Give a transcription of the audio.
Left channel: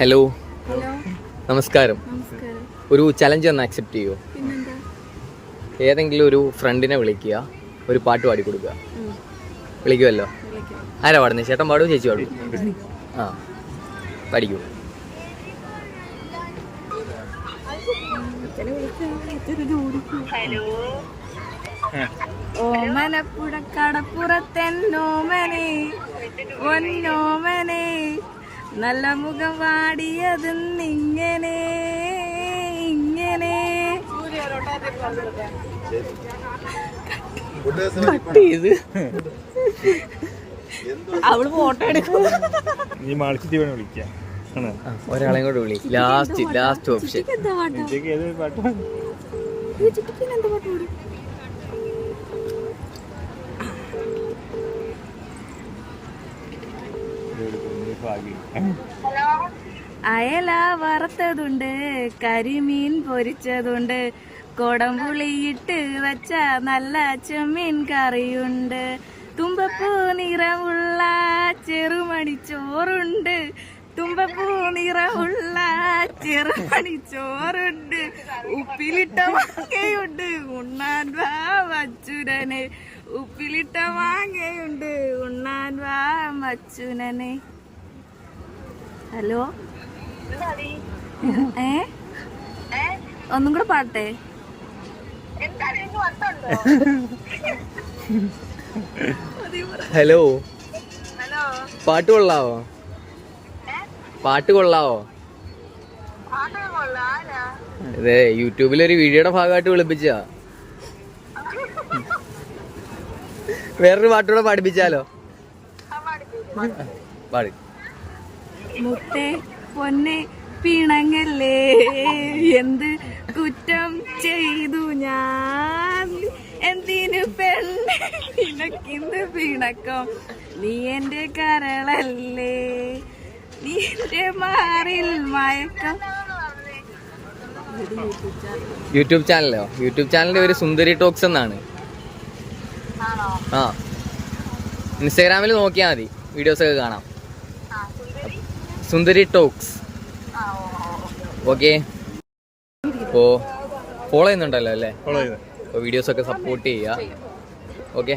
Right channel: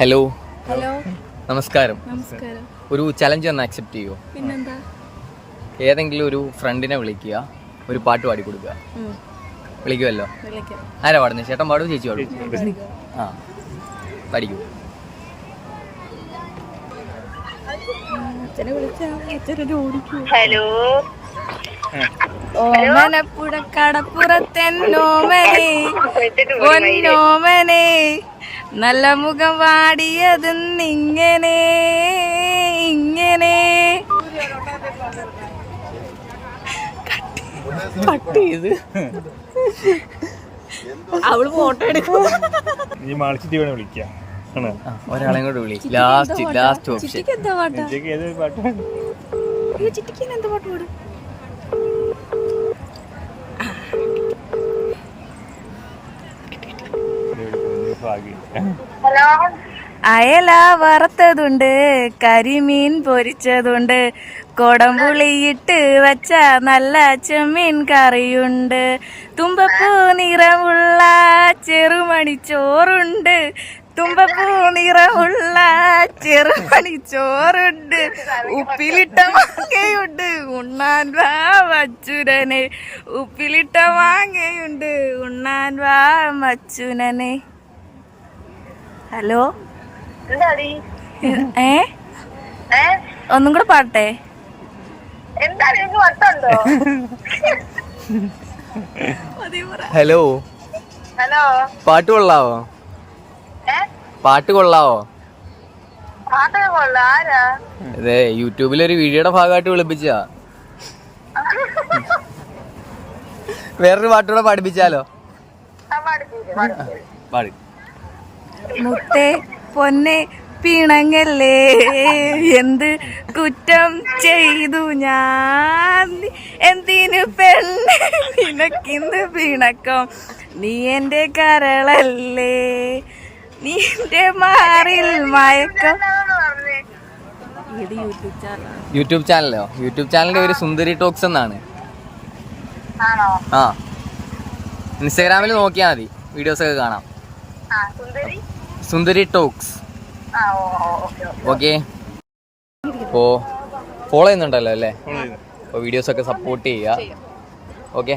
Hello hello നമസ്കാരം. നമസ്കാരം. ഒരു ചലഞ്ച് ഒന്ന് ആക്സെപ്റ്റ് ചെയ്യുമോ? പിന്നെന്താ? ഏതെങ്കിലും ഒരു ഫ്രണ്ടിനെ വിളിക്കുക, ഒരു പാട്ട് പാടി കൊടുക്കുക. വിളിക്കുമല്ലോ. വിളിക്കാം. ആരാ പാടുന്നത്? ചേട്ടൻ പാടുമോ ചേച്ചി പാടും? ആ പഠിക്കൂ. ഹലോ ഓമനപ്പുഴക്കടപ്പുറത്തെന്നോമനെ പൊന്നോമനെ നല്ല മുഖം വാടിയതെന്നിങ്ങനെ ഇങ്ങനെ കട്ട് ചെയ്ത് അവള് ഫോട്ടോ എടുക്കും. ഒരാളെയും കൂടെ വിളി. Last option. എന്താ പാട്ടാ? എന്താ പാട്ട് പാടും? ഹലോ അയല വറുത്തതുണ്ട്, കരിമീൻ പൊരിച്ചതുണ്ട്, കൊടംപുളിയിട്ട് വച്ച നല്ല ചെമ്മീൻ കറിയുണ്ട്, തുമ്പപ്പൂ നിറമുള്ള ചെറുമണിച്ചോറുണ്ട്, തുമ്പപ്പൂ നിറമുള്ള ചെറുമണിച്ചോറുണ്ട്, ഉപ്പിലിട്ട മാങ്ങയുണ്ട് ഉണ്ണാൻ വാ മച്ചുരനെ, ഉപ്പിലിട്ട മാങ്ങയുണ്ട് ഉണ്ണാൻ വാ മച്ചുനനെ. ഹലോ എന്താടി ഒന്നും കൂടെ പാട്ടെ. എന്താണ് എനിക്ക് വട്ടുണ്ടോ? ഹലോ, ഹലോ പാട്ട് കൊള്ളാവോ? പാട്ട് കൊള്ളാവോ? പാട്ടേ കൊള്ള ആരാ? അതെ, യൂട്യൂബിലൊരു വീഡിയോയുടെ ഭാഗമായിട്ട് വിളിപ്പിച്ചാ. വേറൊരു പാട്ടുകൂടെ പഠിപ്പിച്ചാലോ? പാട്. മുത്തേ പൊന്നെ പിണങ്ങല്ലേ, എന്ത് കുറ്റം ചെയ്തു ഞാൻ, എന്തിനു പെണ്ണ് നിനക്കിന്ത് പിണക്കം, നീ എന്റെ കരളല്ലേ, നീ എന്റെ മാറിൽ മയക്കം. യൂട്യൂബ് ചാനലോ? യൂട്യൂബ് ചാനലിന്റെ പേര് സുന്ദരി ടോക്സ് എന്നാണ്. ആണോ? ആ, ഇൻസ്റ്റാഗ്രാമിൽ നോക്കിയാൽ മതി, വീഡിയോസ് ഒക്കെ കാണാം. സുന്ദരി ടോക്സ്. ഓക്കെ, അപ്പോൾ ഫോളോ ചെയ്യുന്നുണ്ടല്ലോ അല്ലേ? അപ്പോൾ വീഡിയോസ് ഒക്കെ സപ്പോർട്ട് ചെയ്യുക. ഓക്കെ.